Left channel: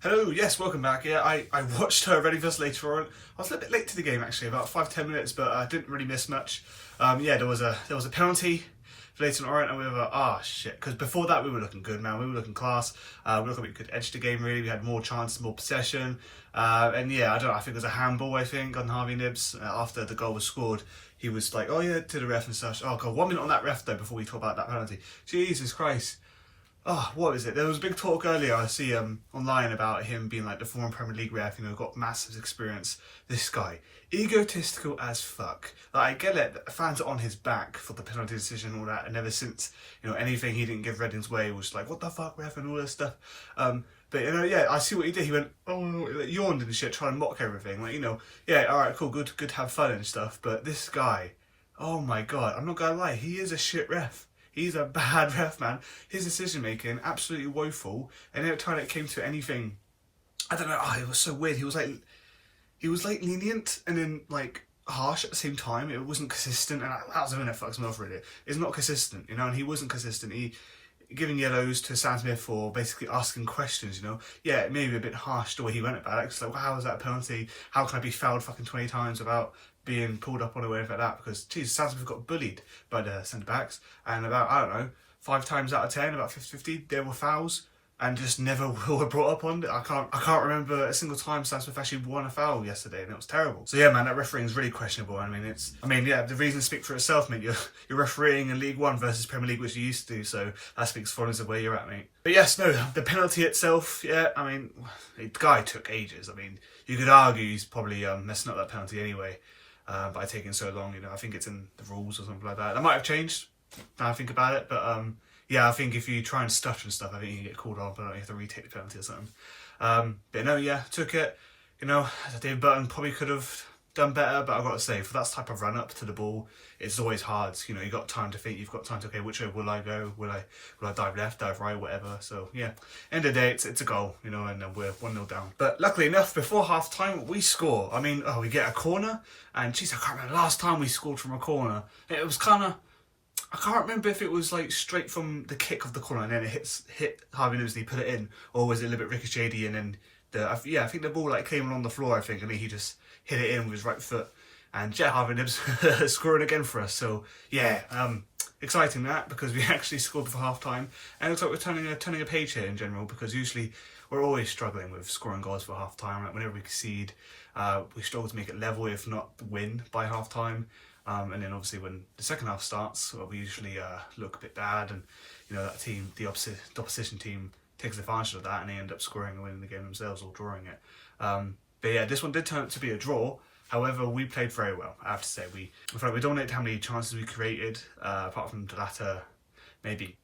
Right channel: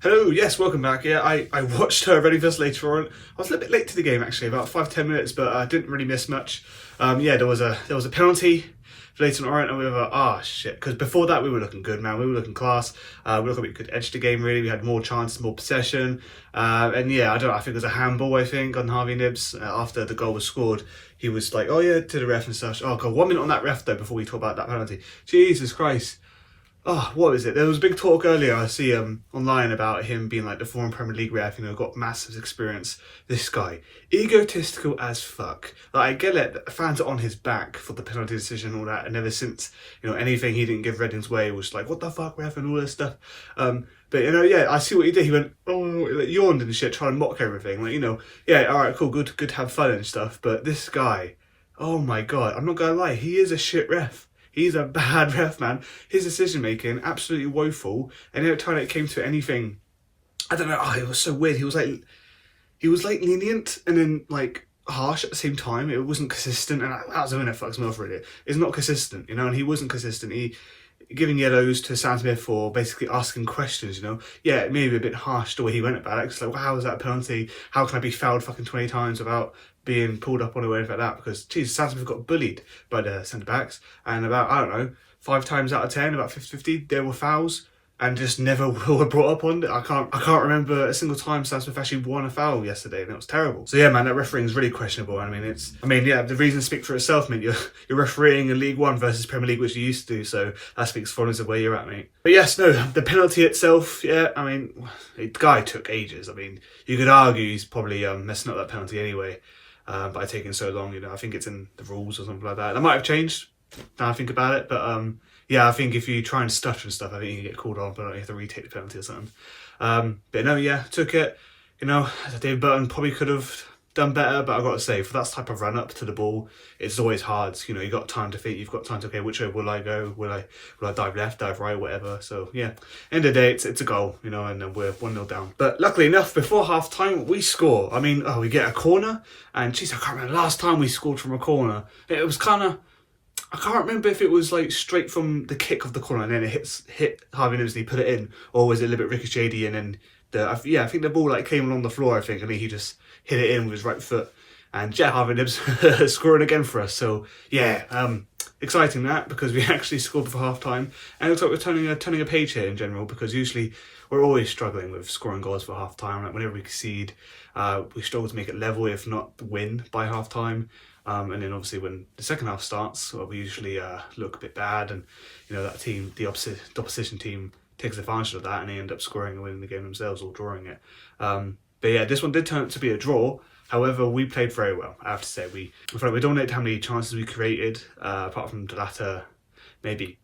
Hello, yes, welcome back. Yeah, I watched Ready vs Leyton Orient. I was a little bit late to the game actually, about 5-10 minutes, but I didn't really miss much. Yeah, there was a penalty for Leyton Orient, and we were shit, because before that we were looking good, man. We were looking class. We were looking like we could edge the game really. We had more chances, more possession, and yeah, I think it was a handball. I think on Harvey Nibbs after the goal was scored. He was like, "Oh yeah," to the ref and stuff. Oh god, 1 minute on that ref though before we talk about that penalty. Jesus Christ. Oh, what is it? There was big talk earlier, I see online, about him being like the former Premier League ref, got massive experience. This guy, egotistical as fuck. Like, I get it, fans are on his back for the penalty decision and all that, and ever since, anything he didn't give Reading's way was like, what the fuck, ref, and all this stuff. But, yeah, I see what he did. He went, like, yawned and shit, trying to mock everything. Like, yeah, alright, cool, good to have fun and stuff. But this guy, oh my god, I'm not gonna lie, he is a shit ref. He's a bad ref, man. His decision making, absolutely woeful. And every time it came to anything, I don't know. It was so weird. He was like lenient and then like harsh at the same time. It wasn't consistent, and that's the thing that fucks me off really. It's not consistent, and he wasn't consistent. He giving yellows to Sam Smith for basically asking questions. Yeah, it may be a bit harsh the way he went about it. It's like, well, how is that a penalty? How can I be fouled fucking 20 times without being pulled up on a way like that? Because Jesus, Sam Smith got bullied by the centre backs, and about, I don't know, 5 times out of 10, about 50-50, there were fouls, and just never were brought up on it. I can't remember a single time Sam Smith actually won a foul yesterday, and it was terrible. So yeah, man, that refereeing is really questionable. Yeah, the reasons speak for itself, mate. You're refereeing in League One versus Premier League, which you used to do, so that speaks volumes of where you're at, mate. But yes, no, the penalty itself, yeah, the guy took ages. You could argue he's probably messing up that penalty anyway. By taking so long, I think it's in the rules or something like that. That might have changed now I think about it, but yeah, I think if you try and stutter and stuff, I think you can get called on, but you have to retake the penalty or something. But no, yeah, took it. David Burton probably could have done better, but I've got to say, for that type of run up to the ball, it's always hard. You've got time to think, you've got time to, okay, which way will I go? Will I dive left, dive right, whatever? So yeah, end of the day, it's a goal, and then we're 1-0 down. But luckily enough, before half time, we score. We get a corner, and geez, I can't remember the last time we scored from a corner. It was kind of, I can't remember if it was like straight from the kick of the corner and then it hit Harvey Nibbs and he put it in, or was it a little bit ricocheted and then I think the ball like came along the floor, I think, and he just hit it in with his right foot. And yeah, Harvey Nibbs scoring again for us. So yeah, exciting that, because we actually scored before half time, and it looks like we're turning a page here in general, because usually we're always struggling with scoring goals for half time. Like whenever we concede, we struggle to make it level, if not win by half time. And then obviously when the second half starts, we usually look a bit bad, and that team, the opposition team, takes advantage of that, and they end up scoring and winning the game themselves or drawing it. But yeah, this one did turn out to be a draw. However, we played very well, I have to say. We dominated how many chances we created, apart from the latter, maybe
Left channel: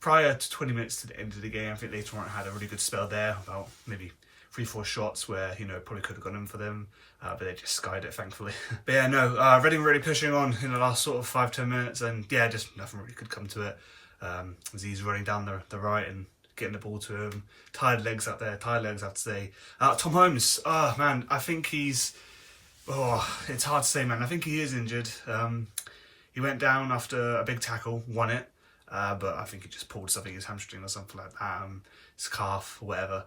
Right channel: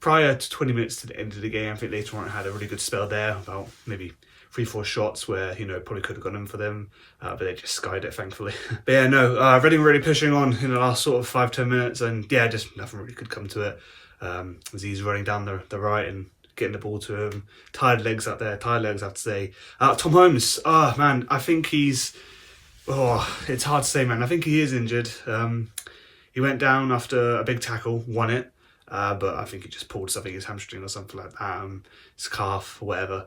prior to 20 minutes to the end of the game. I think Leyton Orient had a really good spell there, about maybe 3-4 shots where, probably could have gone in for them, but they just skied it, thankfully. But yeah, no, Reading really pushing on in the last sort of 5-10 minutes, and yeah, just nothing really could come to it. As he's running down the right and getting the ball to him. Tired legs out there, I have to say. Tom Holmes, man, I think he's, it's hard to say, man. I think he is injured. He went down after a big tackle, won it, but I think he just pulled something, his hamstring or something like that, his calf or whatever.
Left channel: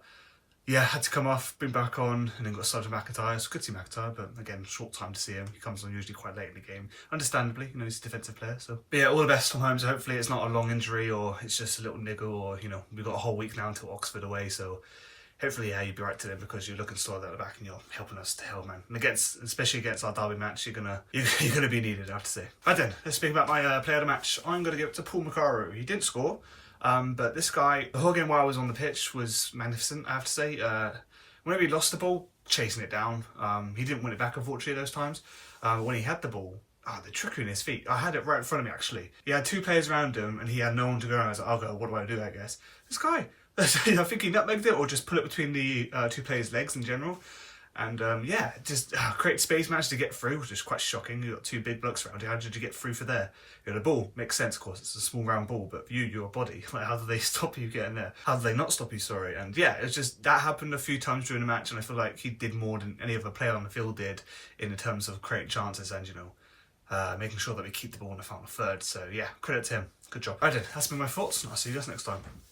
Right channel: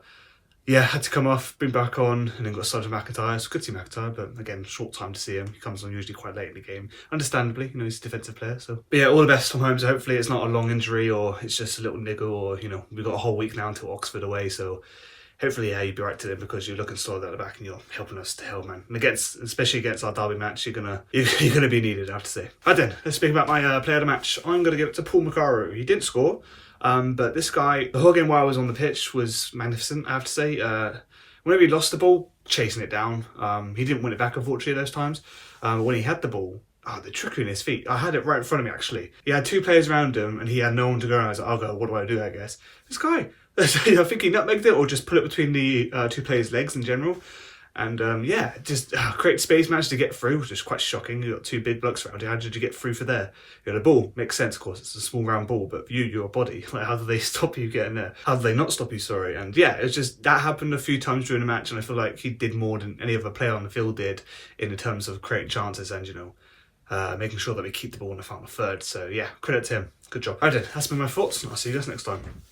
Yeah, had to come off, bring back on, and then got Sergeant McIntyre. It's good to see McIntyre, but again, short time to see him. He comes on usually quite late in the game. Understandably, he's a defensive player. So, but yeah, all the best Tom Holmes. Hopefully it's not a long injury, or it's just a little niggle, or, we've got a whole week now until Oxford away. So hopefully, yeah, you'll be right to them, because you're looking solid at the back and you're helping us to hell, man. And especially against our derby match, you're gonna be needed, I have to say. Right then, let's speak about my player of the match. I'm gonna give it to Paul McCarrow. He didn't score, but this guy, the whole game while I was on the pitch was magnificent, I have to say. Whenever he lost the ball, chasing it down. He didn't win it back, unfortunately, those times. When he had the ball, the trickery in his feet. I had it right in front of me, actually. He had 2 players around him, and he had no one to go around. I was like, I'll go, what do I do, I guess? This guy, I think he nutmegged it, or just put it between the 2 players' legs in general. And yeah, just create space, managed to get through, which is quite shocking. You got 2 big blokes around you. How did you get through for there? You got a ball, makes sense, of course. It's a small round ball, but your body, like, how do they stop you getting there? How do they not stop you? Sorry. And yeah, it's just that happened a few times during the match, and I feel like he did more than any other player on the field did in terms of creating chances and making sure that we keep the ball in the final third. So yeah, credit to him. Good job. Right then, that's been my thoughts, and I'll see you guys next time.